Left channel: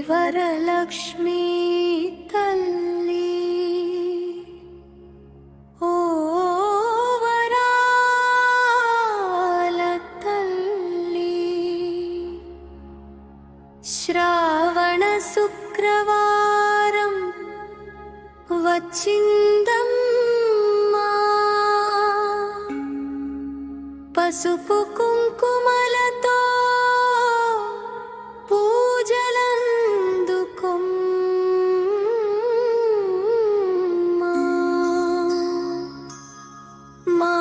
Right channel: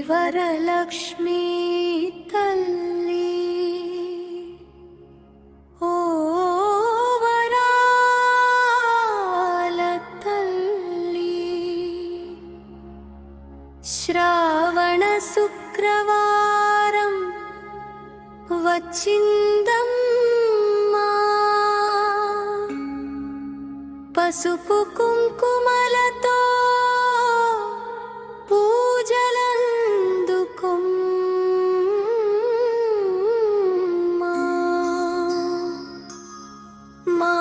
శ్రీవరలక్ష్మీ తల్లి ఓ వరాల తల్లి శ్రావణ శుక్రవారం వచ్చిందమ్మా పసుపు కుంకుమలతో పూజలందుకొమ్మా మా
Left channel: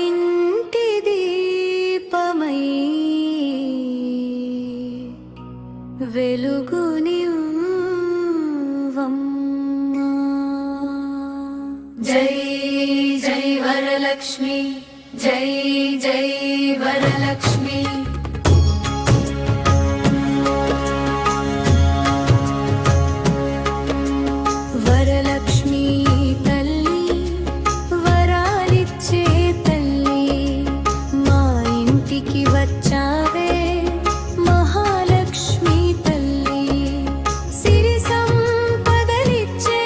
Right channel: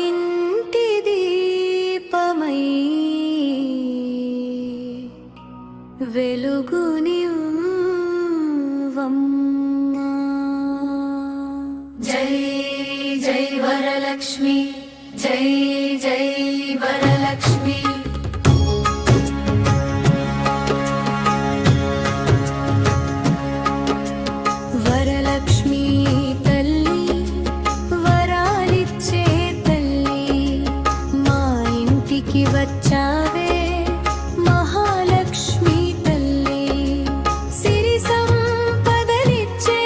ఇంటి దీపమై వెలుగునివ్వమ్మా. జై జై వరలక్ష్మి, జై జై వరలక్ష్మి. వరలక్ష్మి తల్లి వరాలిచ్చే తల్లి మా ఇంటికి వచ్చావే మహాలక్ష్మి తల్లి సిరి సంపదలిచ్చే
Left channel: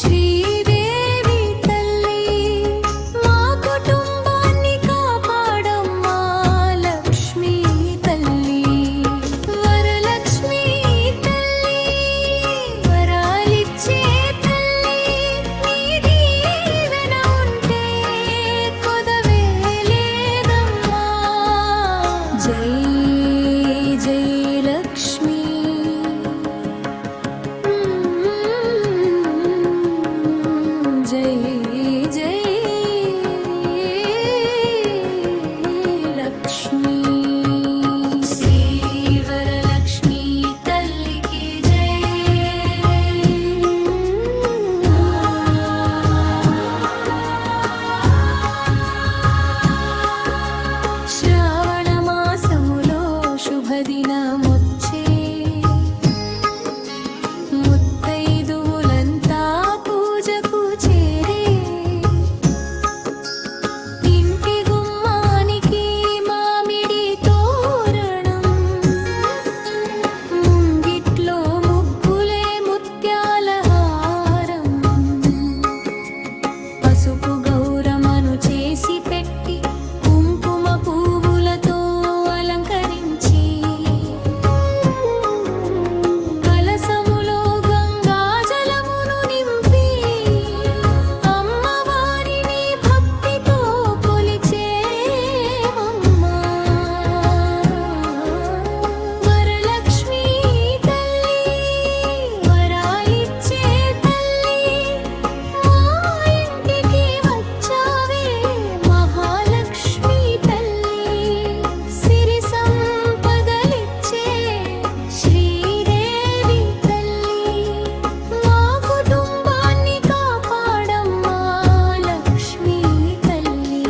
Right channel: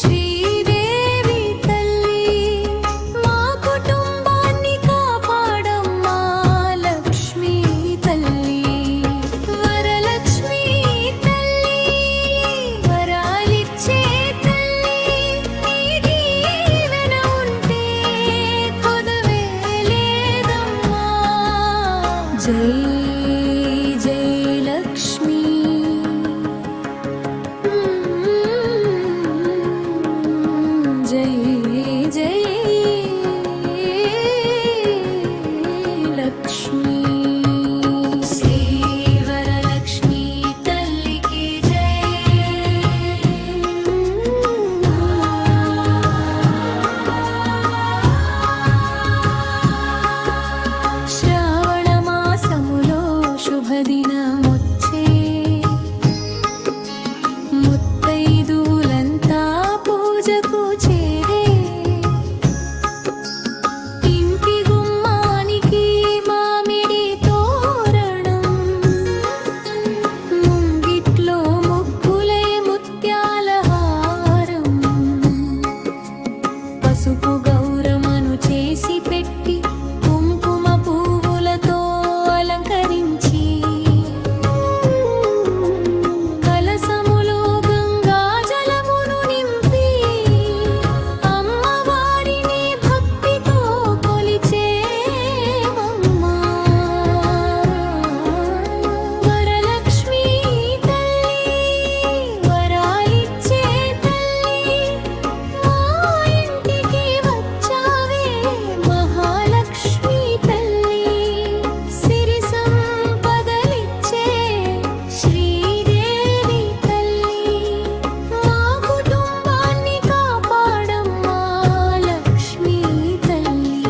శ్రీదేవి తల్లి మా కుటుంబాన్ని కాపాడమ్మా లక్ష్మి తల్లి. వరలక్ష్మి తల్లి వరాలిచ్చే తల్లి నీ దీవెన ఉంటే కొదవే లేదమ్మా. జై జై లక్ష్మి, జై జై లక్ష్మి. శ్రీ వరలక్ష్మి తల్లికి జై. శ్రావణ మాసములో శుభదినమొచ్చే ముత్తైదులంతా పూజకు చేరే ఇంటి గుమ్మానికి మామిడి తోరణం ముంగిట్లో ముగ్గులే ముత్యాల హారం పసుపు గౌరమ్మను చేసి పెట్టి కుంకుమ పువ్వులతో అలంకరించి కలసములో గంగా జలమును నింపి అమ్మవారిని భక్తితో కొలిచేమమ్మా. వరలక్ష్మి తల్లి వరాలిచ్చే తల్లి మా ఇంటికి వచ్చావే మహాలక్ష్మి తల్లి సిరి సంపదలిచ్చే శ్రీదేవి తల్లి మా కుటుంబాన్ని కాపాడమ్మా లక్ష్మి తల్లి.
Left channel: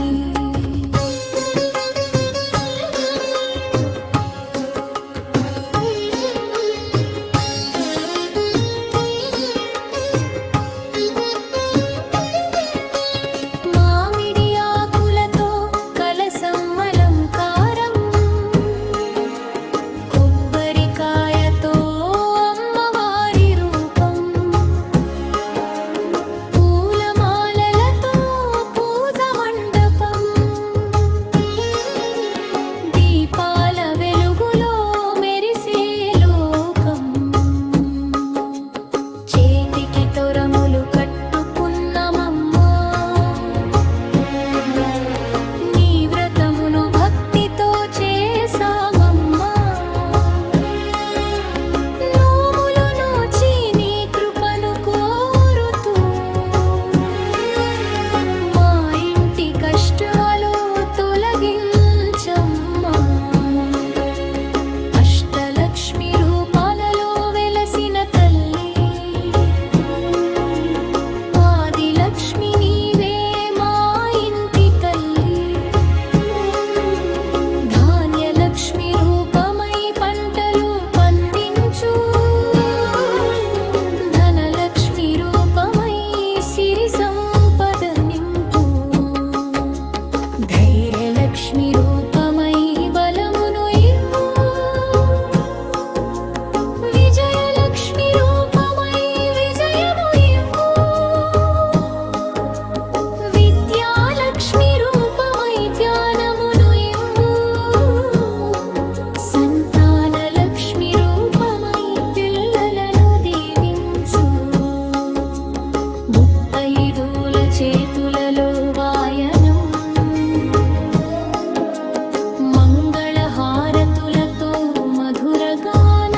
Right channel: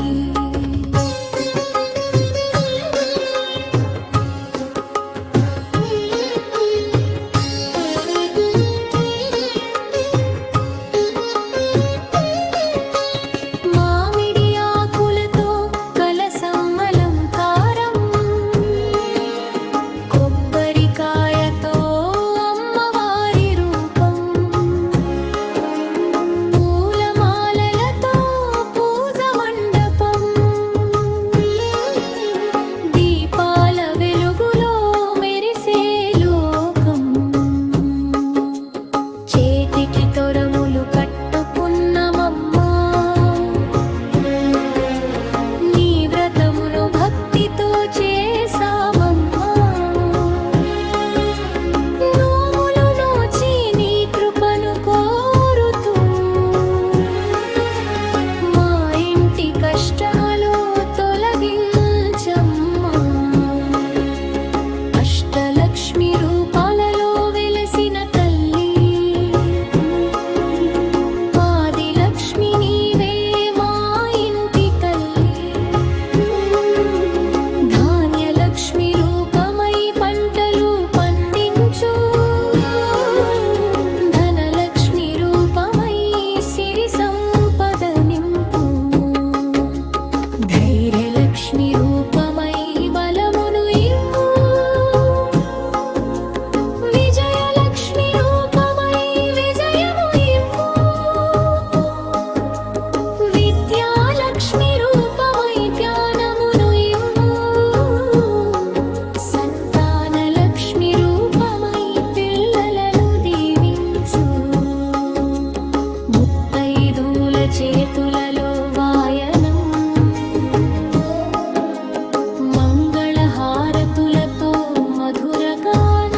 మామిడి ఆకులతో కలసం అలంకారం కొబ్బరికాయతో అమ్మవారి రూపం పూలమాలలతో పూజ మండపం దీపాల వెలుగులో మెరిసే లోకం చేతికి తొరములు కట్టుకున్నమమ్మా నీ వ్రతమును భక్తితో చేసామమ్మా నోములు నోచి నీ కృపను కోరుతూ మా ఇంటి కష్టాలు తొలగించమ్మా. అష్టలక్ష్మి రూపాలలో వెలసిన తల్లి ఆదిలక్ష్మి నీవే మా ఇంటి తల్లి ధాన్యలక్ష్మి రూపమై పంటలు పండించు ధనలక్ష్మి రూపమై సిరి సంపద నింపు ధైర్యలక్ష్మి రూపమై బలమును ఇవ్వు మధుర గాన